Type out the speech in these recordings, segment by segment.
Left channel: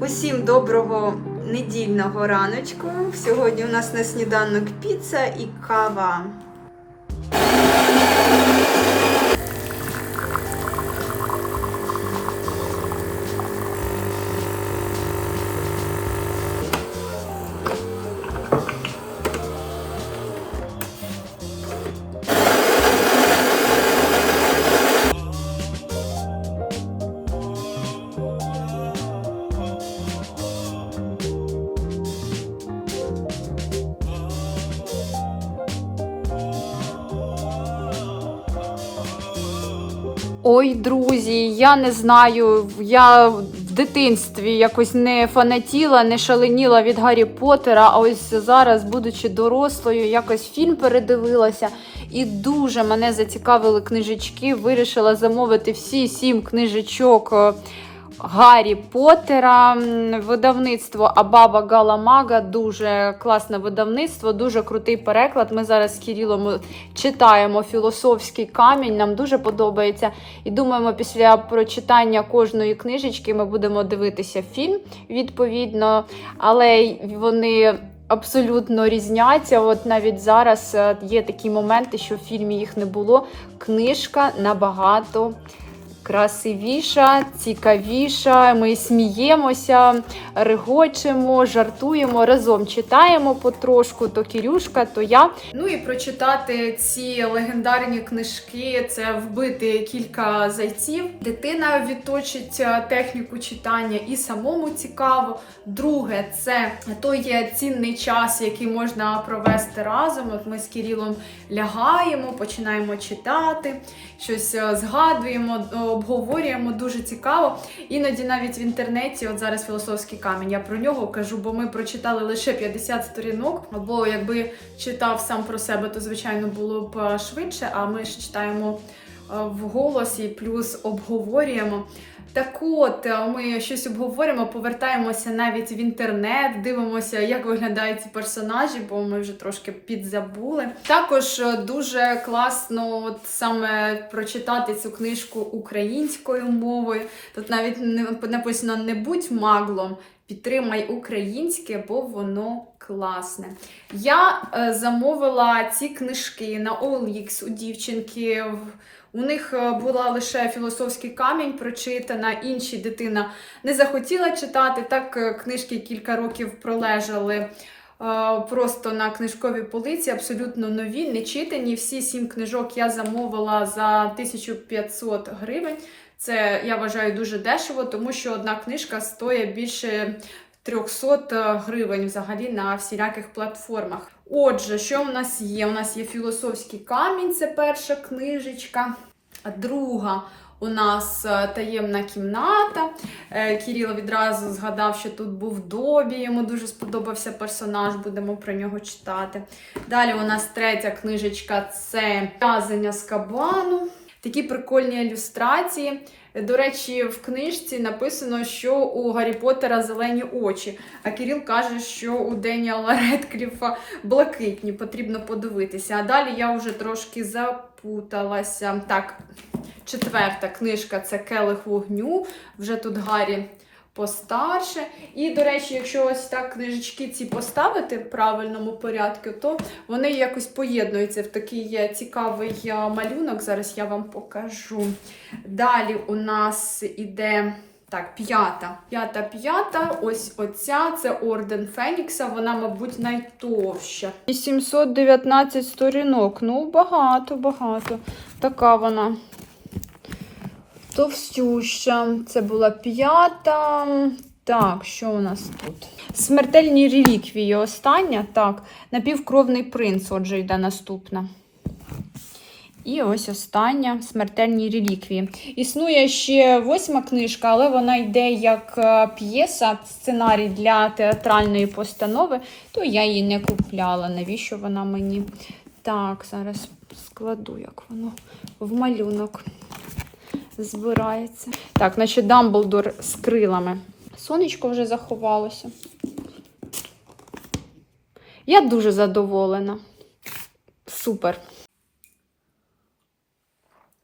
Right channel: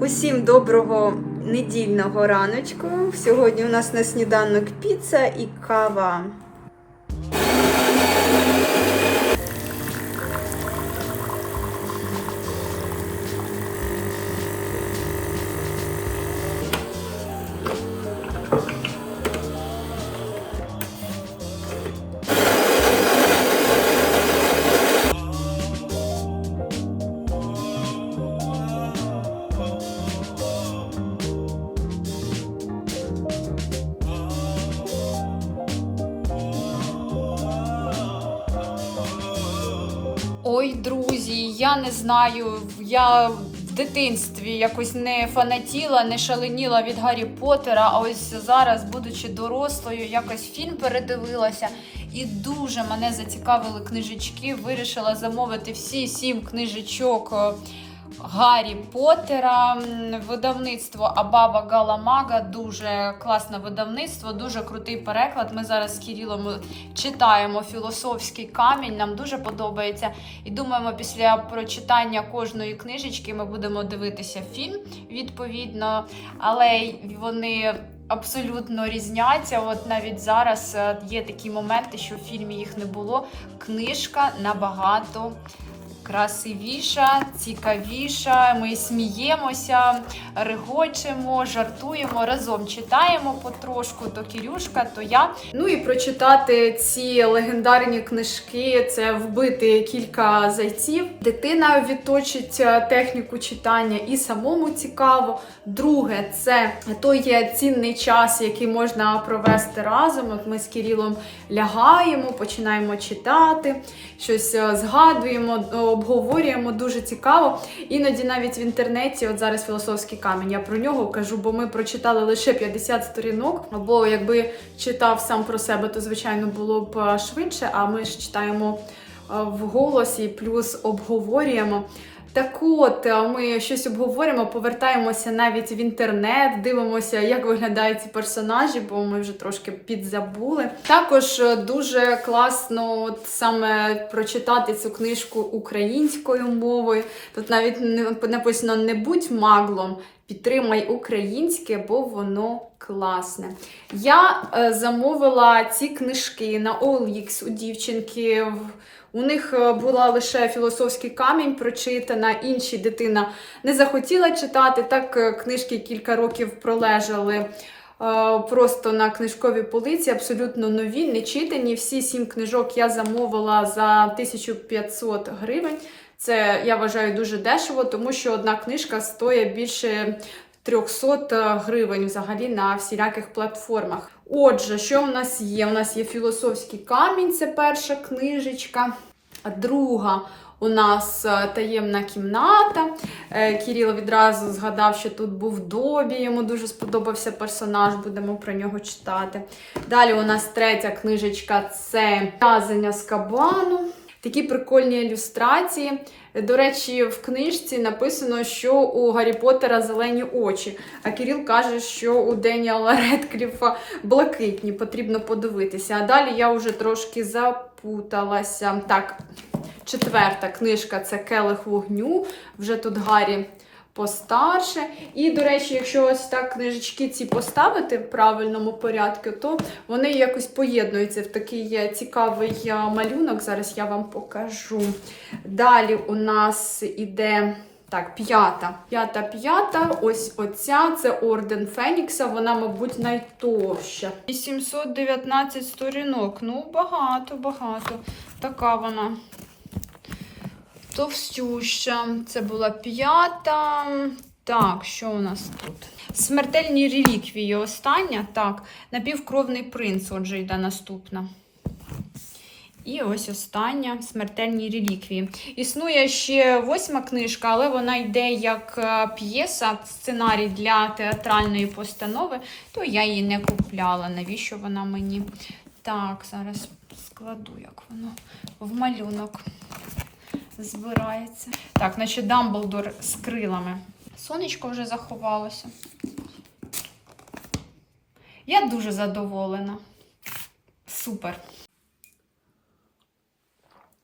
Усім доброго недільного раночку. Сьогодні у нас на сніданок піца і кава. Ой, друзі, я не знаю. Я в дитинстві якось не фанатіла, не шаленіла від Гаррі Поттера, а ось зараз, будучи дорослою, якось фільм передивилася. І дуже мене зацікавили книжечки. Вирішила замовити всі сім книжечок е, Гаррі Поттера. Видавництво Абаба Галамага. Дуже класне видавництво, дуже крутий переклад. Ми зараз з Кирилом читаємо філософський камінь. Нам дуже подобається. І думаємо, після прочитання кожної книжечки ми будемо дивитися фільм відповідно, але вони. Абсолютно різняться. От навіть зараз е, є такі моменти, що в фільмі їх не було. Книжка набагато красивіша, цікавіша. Ми сміємося, регочемо, жартуємо, разом читаємо потрошку, то Кірюшка, то я. Ну і прочитати ці легендарні книжки це вбити кілька зайців. Дитина відточить е, техніку читання і самому цікаво. Друге, це той є цінний час, який можна провести разом. От ми з Кирилом лягаємо, починаємо читати, щось е, згадуємо, е, обговорюємо дуже цікаво. Іноді навіть в інтернеті, от зараз філософський камінь, я про нього кажу, бо ми прочитали лише 50 сторінок. Або якби читав сам про себе, то звичайно було б е, швидше. А ми ж читаємо е, вголос і плюс обговорюємо. Так от, ми щось обговорюємо, повертаємося навіть в інтернет, дивимося, як виглядають ці персонажі, бо ми вже трошки підзабули. Також е, дуже класно от саме прочитати цю книжку українською мовою. Тут навіть написано не будь маглом. Підтримай українське, бо воно класне. Я е, замовила ці книжки на OLX у дівчинки. У них е, була лише філософський камінь прочитана, інші дитина не захотіла читати. Так е, книжки кілька років пролежали е, просто на книжковій полиці, абсолютно нові, не читані. Всі сім книжок я замовила за 1500 гривень. Це я вважаю дуже дешево, тому що одна книжка стоїть більше 300 гривень взагалі на всіляких платформах. Отже, що в нас є? У нас є філософський камінь, це перша книжечка. Друга у нас е, таємна кімната. Е, Кирило відразу згадав, що тут був Добі, йому дуже сподобався персонаж, будемо про нього читати. Далі у нас третя книжечка це В'язання з кабану. Такі прикольні ілюстрації. До речі, в книжці написано, що у Гаррі Поттера зелені очі, а Кирил каже, що у Деніала Редкліфа блакитні, потрібно подивитися. А далі я вже трошки запуталася. Так, четверта книжка це Келих вогню. Вже тут Гаррі постарше. І, до речі, якщо ось так книжечки ці поставити в правильному порядку, то вони якось поєднуються в такий цікавий е, малюнок. Зараз я вам покажу. Далі у нас іде. Так, п'ята. П'ята, п'ята. Ось оця це орден Фенікса. Вона, мабуть, найтовща. 819 сторінок. Ну, багато, багато. Така вона товстюща. Це була п'ята. Так, що у нас тут? Смертельні реліквії. Остання. Так, напівкровний принц. Отже, йде наступна. І ось остання смертельні реліквії. Існує ще восьма книжка, але вона йде як е, п'єса, сценарій для театральної постанови, то я її не купляла. Навіщо вона мені? Так, зараз складу, як воно в малюнок збирається. Так, значить, Дамблдор з крилами. Сонечко вже заховалося. Я дуже задоволена. Супер.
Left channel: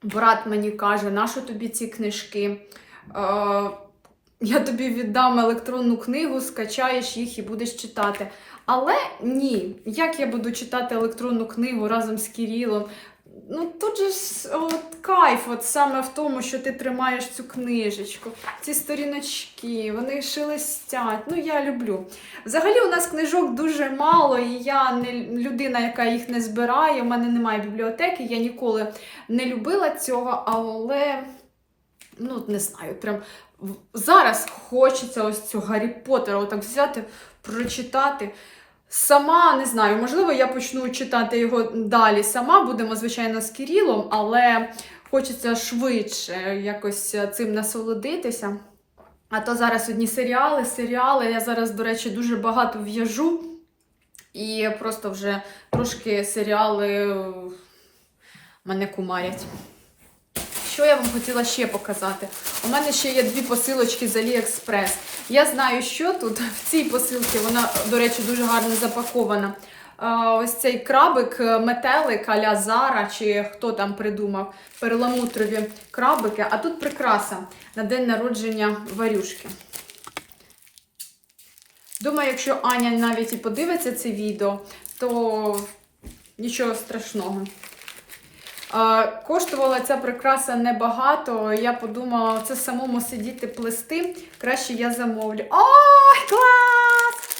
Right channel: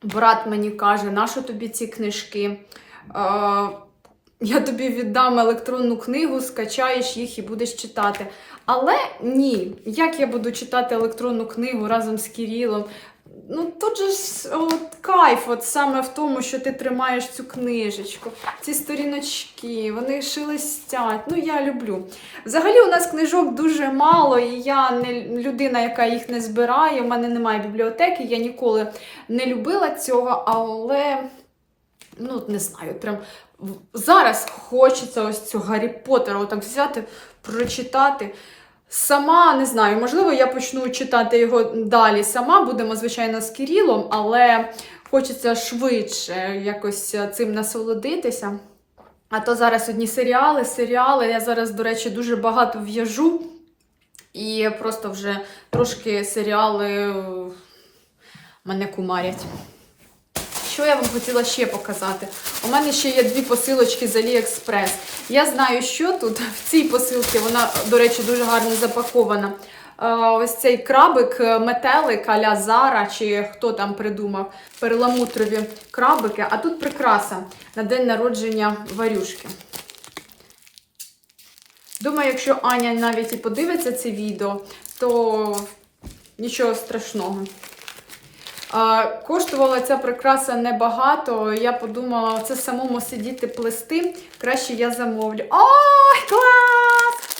Брат мені каже, нащо тобі ці книжки? Е, я тобі віддам електронну книгу, скачаєш їх і будеш читати. Але ні, як я буду читати електронну книгу разом з Кирилом? Ну тут же ж от, кайф, от саме в тому, що ти тримаєш цю книжечку, ці сторіночки, вони шелестять. Ну, я люблю. Взагалі, у нас книжок дуже мало, і я не людина, яка їх не збирає. У мене немає бібліотеки, я ніколи не любила цього, але ну, не знаю, прям зараз хочеться ось цього Гаррі Поттера отак взяти, прочитати. Сама не знаю, можливо, я почну читати його далі сама. Будемо, звичайно, з Кирилом, але хочеться швидше якось цим насолодитися. А то зараз одні серіали, серіали. Я зараз, до речі, дуже багато в'яжу. І просто вже трошки серіали мене кумарять. Що я вам хотіла ще показати? У мене ще є дві посилочки з AliExpress. Я знаю, що тут в цій посилці, вона, до речі, дуже гарно запакована. Е, Ось цей крабик, е, метелик аля Зара, чи хто там придумав, перламутрові крабики. А тут прикраса на день народження варюшки. Думаю, якщо Аня навіть і подивиться це відео, то нічого страшного. Коштувала ця прикраса небагато. Я подумала, це самому сидіти плести. Краще я замовлю. Ой, клас!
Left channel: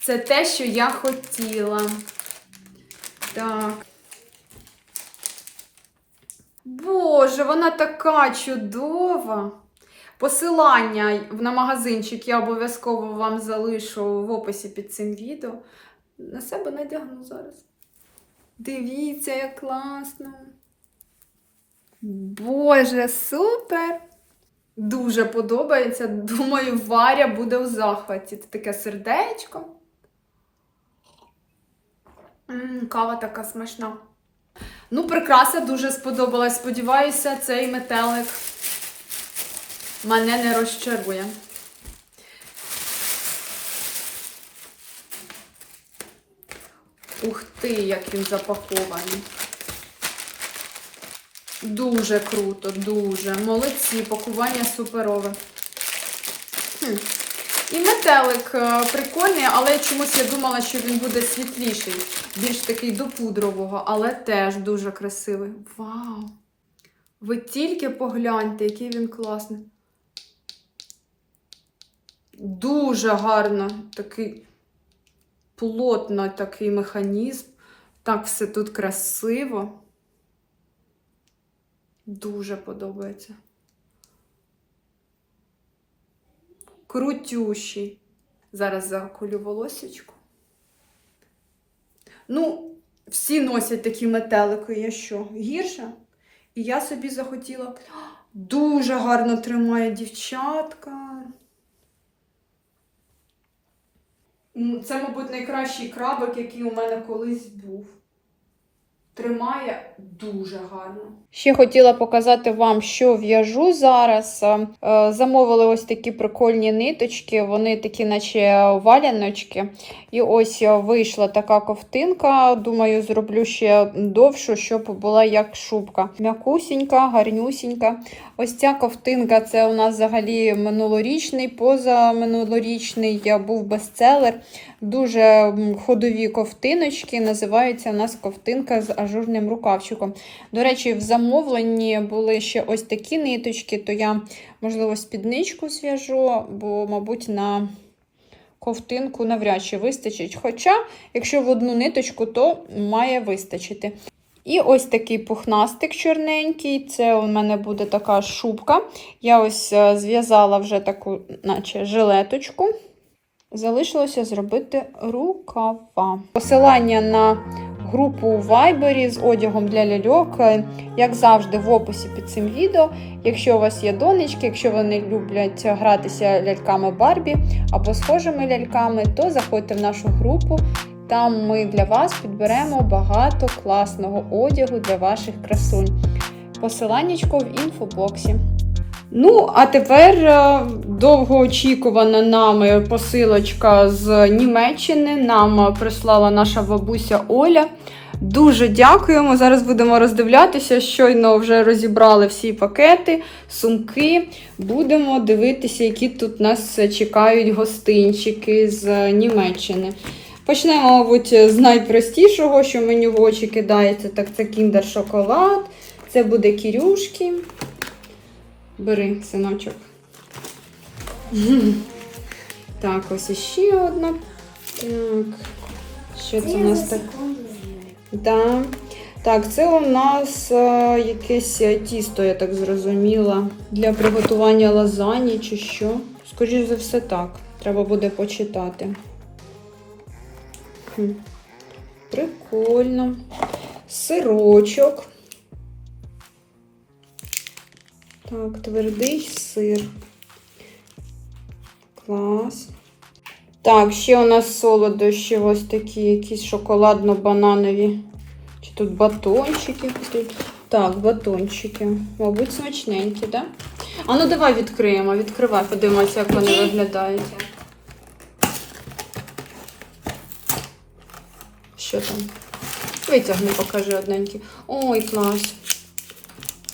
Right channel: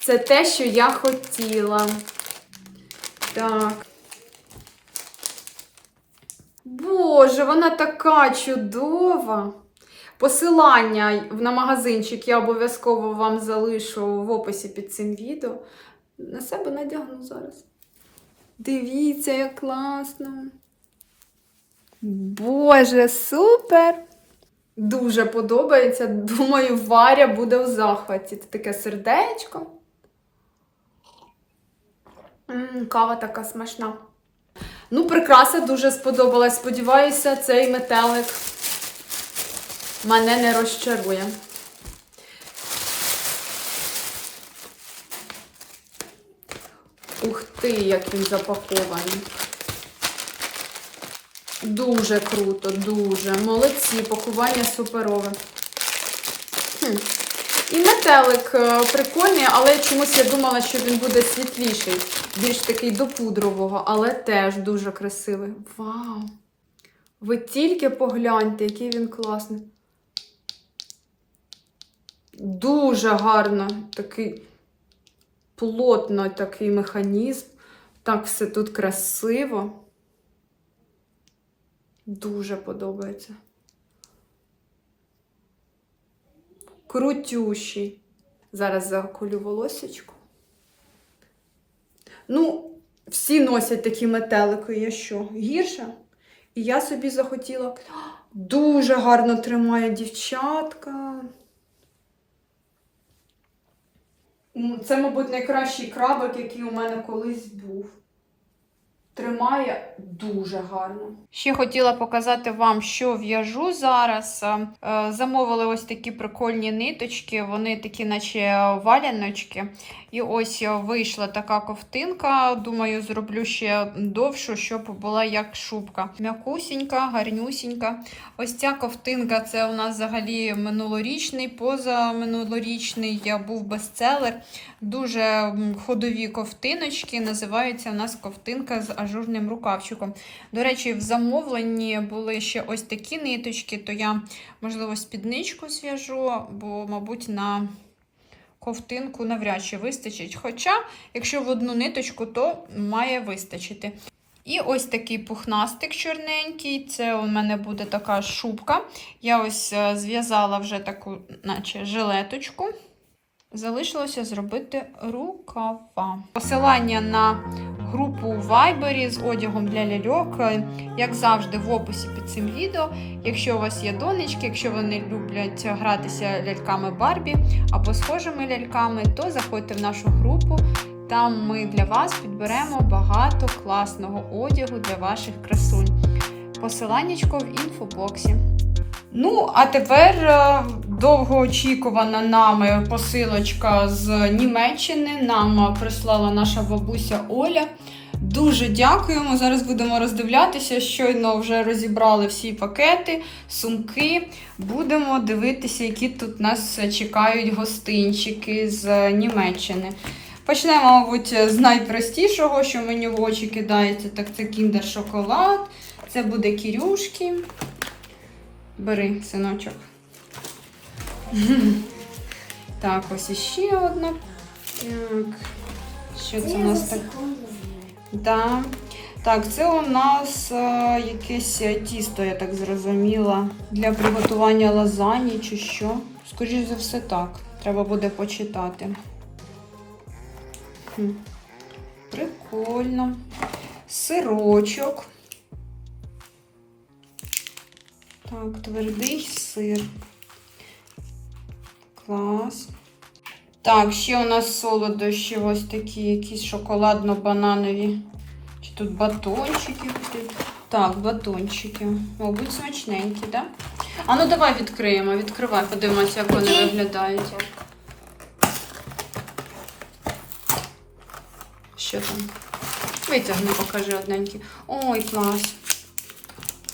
Це те, що я хотіла. Так. Боже, вона така чудова. Посилання на магазинчик я обов'язково вам залишу в описі під цим відео. На себе надягну зараз. Дивіться, як класно. Боже, супер! Дуже подобається. Думаю, Варя буде в захваті. Це таке сердечко. М, кава така смачна. Ну, прикраса дуже сподобалась. Сподіваюся, цей метелик мене не розчарує. Ух ти, як він запакований. Дуже круто, дуже. Молодці, пакування суперове. Хм. І метелик е, прикольний, але чомусь я думала, що він буде світліший, більш такий до пудрового, але теж дуже красивий. Вау! Ви тільки погляньте, який він класний. Дуже гарно такий плотно такий механізм. Так все тут красиво. Дуже подобається. Крутющий. Зараз заколю волосечку. Ну, всі носять такі метелики. Я що? Гірша? І я собі захотіла. Дуже гарно тримає дівчатка. М, Це, мабуть, найкращий крабик, який у мене колись був. Тримає дуже гарно. Ще хотіла показати вам, що в'яжу зараз. Е, Замовили ось такі прикольні ниточки, вони такі, наче валяночки. І ось е, вийшла така ковтинка. Думаю, зроблю ще довшу, щоб була як шубка. М'якусінька, гарнюсінька. Ось ця ковтинка це у нас взагалі минулорічний, позаминулорічний е, був бестселер. Дуже ходові ковтиночки. Називається у нас ковтинка з ажурним рукавчиком. До речі, в замовленні були ще ось такі ниточки, то я, можливо, спідничку зв'яжу, бо, мабуть, на ковтинку навряд чи вистачить. Хоча, якщо в одну ниточку, то має вистачити. І ось такий пухнастик чорненький. Це у мене буде така шубка. Я ось е, зв'язала вже таку, наче жилеточку. Залишилося зробити рукава. Посилання на групу у Viber з одягом для ляльок, е, як завжди, в описі під цим відео. Якщо у вас є донечки, якщо вони люблять гратися ляльками Барбі або схожими ляльками, то заходьте в нашу групу. Там ми для вас підберемо багато класного одягу для ваших красунь. Посиланнячко в інфобоксі. Ну, а тепер е, довгоочікувана нами посилочка з Німеччини. Нам прислала наша бабуся Оля. Дуже дякуємо. Зараз будемо роздивлятися. Щойно вже розібрали всі пакети, сумки. Будемо дивитися, які тут нас чекають гостинчики з Німеччини. Почнемо, мабуть, з найпростішого, що мені в очі кидається, так це кіндер шоколад. Це буде кірюшки. Бери, синочок. Так, ось іще одна. Так. Що це у нас так? Да. Так, це у нас е, якесь е, тісто, я так зрозуміла, для приготування лазані чи що. Скоріше за все, так. Треба буде почитати. Хм. Прикольно. Сирочок. Так, твердий сир. Клас. Так, ще у нас солодощі ось такі, якісь шоколадно-бананові. Чи тут батончики? Так, батончики. Мабуть, смачненькі, так? Да? А ну давай відкриємо. Відкривай, подивимося, як вони виглядають. Що там? Витягни, покажи одненький. Ой, клас.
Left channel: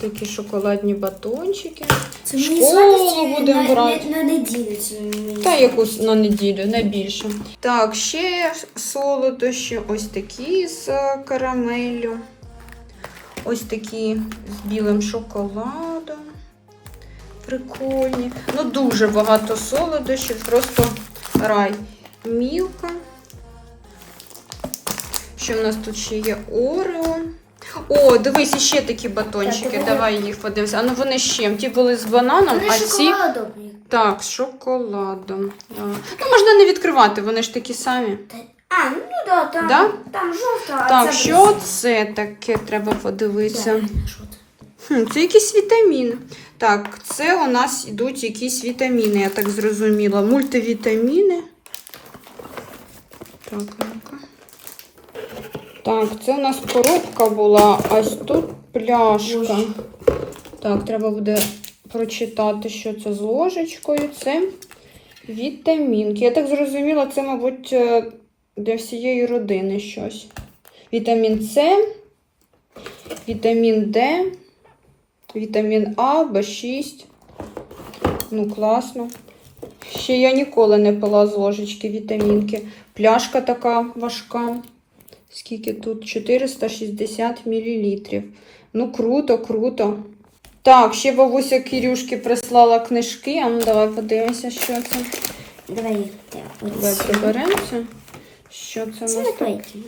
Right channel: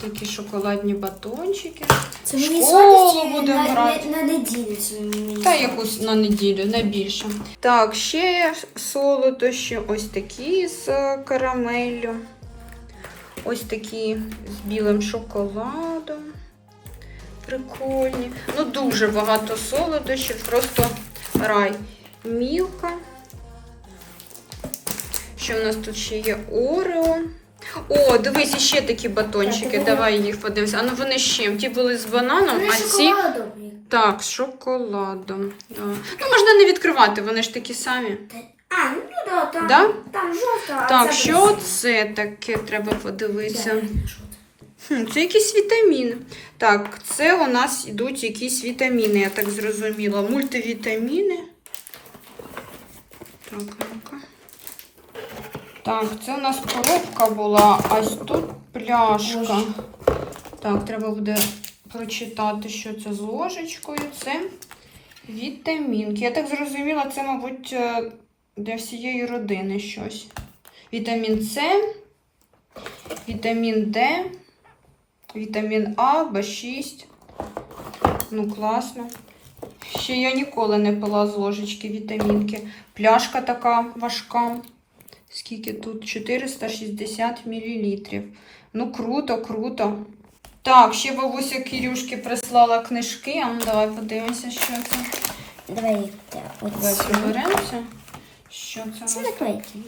Такі шоколадні батончики. Це мені Школу сладості будемо на, брати. на, на неділю. Це мені Та якусь на неділю, не більше. Так, ще солодощі ось такі з е, карамеллю. Ось такі з білим шоколадом. Прикольні. Ну, дуже багато солодощів, просто рай. Мілка. Що в нас тут ще є Орео. О, дивись, ще такі батончики. Давай їх подивимося. А ну вони з чим? Ті були з бананом, а ці. Так, з шоколадом. А. Ну, можна не відкривати, вони ж такі самі. А, ну да, там, Да? там жовта, а Так, це що без- це таке? Треба подивитися. Це? Хм, це якісь вітаміни. Так, це у нас йдуть якісь вітаміни, я так зрозуміла. Мультивітаміни. Так, ну-ка. Так, це у нас коробка була, а тут пляшка. Так, треба буде прочитати, що це з ложечкою. Це вітамінки. Я так зрозуміла, це, мабуть, е, для всієї родини щось. Вітамін С, вітамін Д, вітамін А, В6. Ну, класно. Ще я ніколи не пила з ложечки вітамінки. Пляшка така важка. Скільки тут? 460 мл. Ну, круто, круто. Так, ще бабуся Кирюшки прислала книжки. А ну давай подивимося, що це. Давай Давай приберемося. Що це Це наклейки.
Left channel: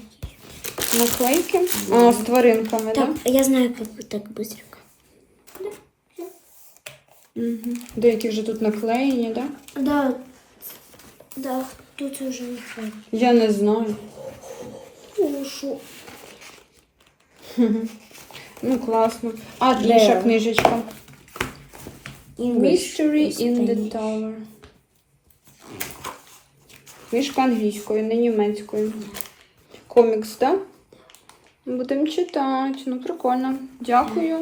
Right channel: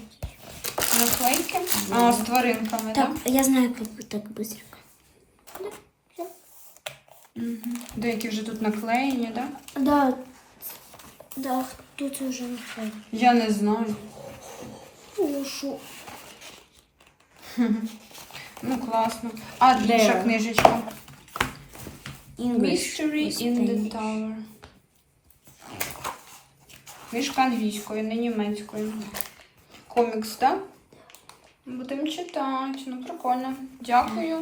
Наклейки? А, з тваринками, Так, так? я знаю, як так быстренько. Угу. Деякі вже тут наклеєні, так? Да? Да, да, тут уже наклейки. Я не знаю. Ушу. Ну, класно. А Де? інша книжечка. English. Mystery in the Tower. Книжка англійською, не німецькою. Комікс, так? Да? Будемо читати. Ну, прикольно. Дякую.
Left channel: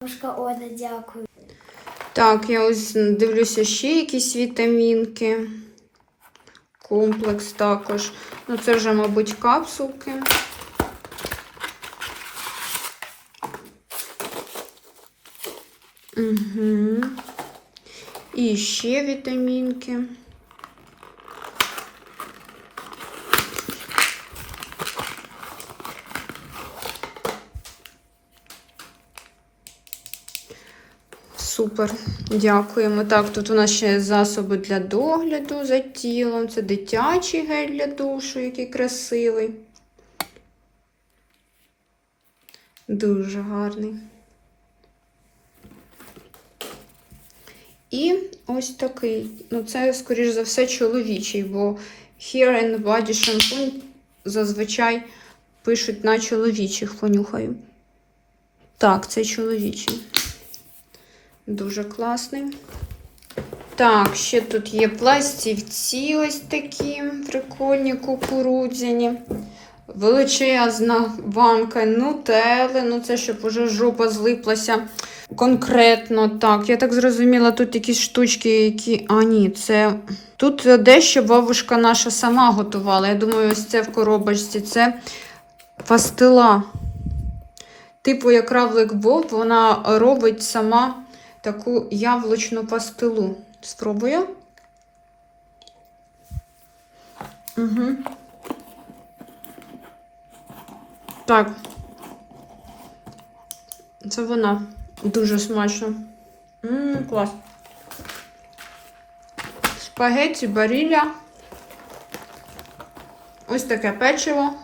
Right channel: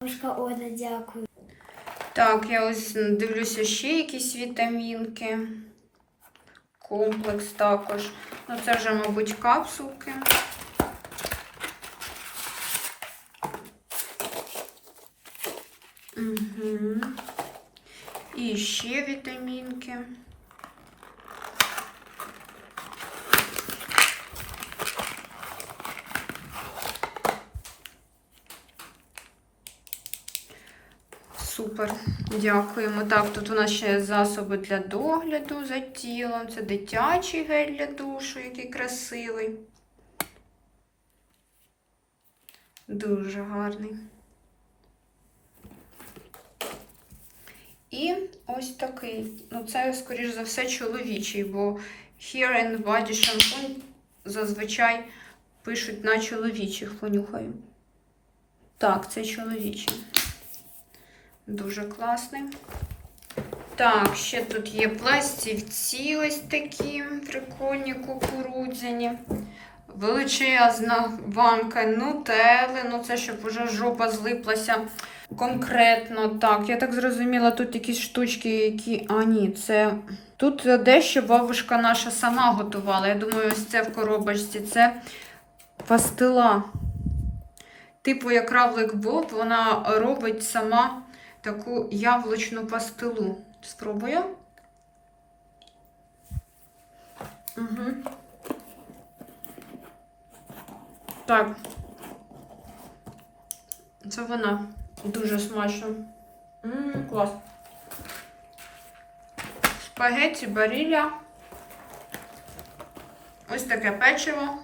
Бабушка Оля, дякую. Так, я ось дивлюся ще якісь вітамінки. Комплекс також. Ну, це вже, мабуть, капсулки. Угу. І ще вітамінки. Супер, дякуємо. Так, тут у нас ще засоби для догляду за тілом. Це дитячий гель для душу, який красивий. Дуже гарний. І ось такий. Ну, це, скоріш за все, чоловічий, бо Hair and Body Shampoo зазвичай пишуть на чоловічих, понюхаю. Так, це чоловічий. Дуже класний. Так, ще тут є пластівці ось такі прикольні, кукурудзяні. Величезна банка нутели. Ну, це щоб уже жопа злиплася. Конкретно так. Я так зрозуміла, тут якісь штучки, які. А, ні, це. Тут дещо бабушка наша сама готувала. Я думаю, ось це в коробочці. Це пастила. Типу, як равлик Боб, вона робить сама таку яблучну пастилу. Спробую. Угу. Так. Це вона. Дуже смачно. Ммм, клас. Спагетті барілля. Ось таке печиво.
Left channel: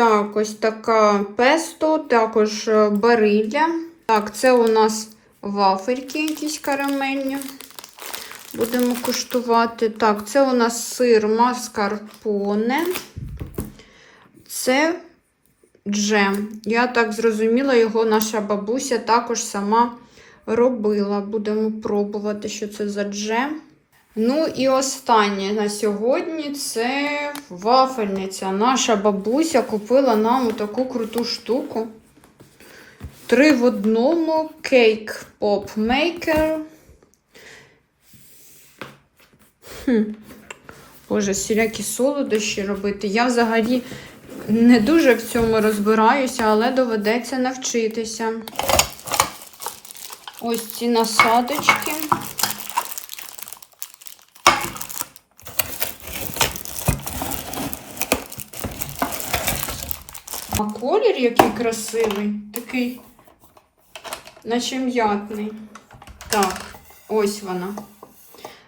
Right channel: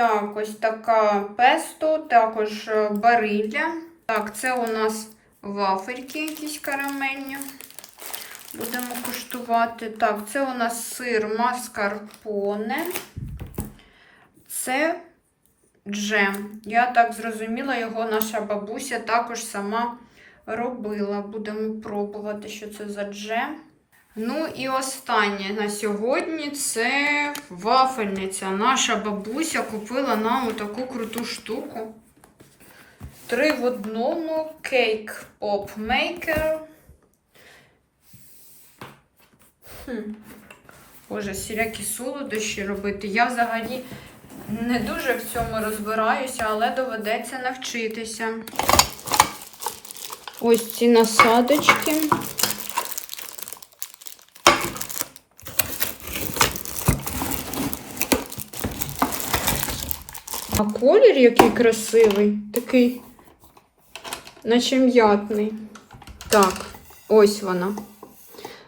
Так, ось така песто, також е, барилля. Так, це у нас вафельки якісь карамельні. Будемо куштувати. Так, це у нас сир маскарпоне. Це джем. Я так зрозуміла, його наша бабуся також сама робила. Будемо пробувати, що це за джем. Ну і останнє на сьогодні це вафельниця. Наша бабуся купила нам таку круту штуку. Три в одному кейк поп мейкер. Хм. Боже, всілякі солодощі робити. Я взагалі не дуже в цьому розбираюся, але доведеться навчитися. Ось ці насадочки. А колір який красивий, такий, наче м'ятний. Так, ось вона.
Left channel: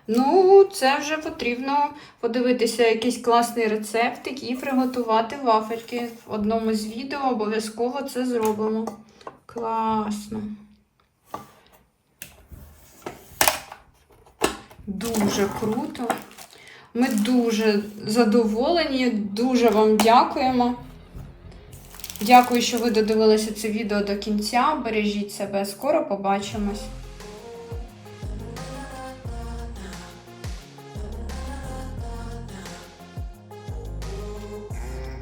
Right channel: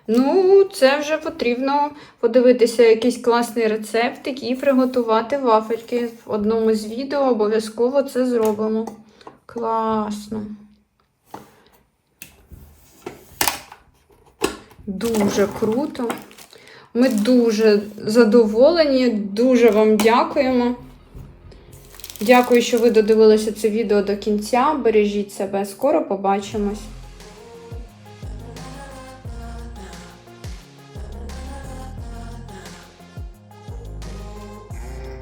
Ну, це вже потрібно подивитися якийсь класний рецептик і приготувати вафельки. В одному з відео обов'язково це зробимо. Класно. Дуже круто. Ми дуже задоволені, дуже вам дякуємо. Дякую, що ви додивилися це відео до кінця. Бережіть себе, скоро побачимось.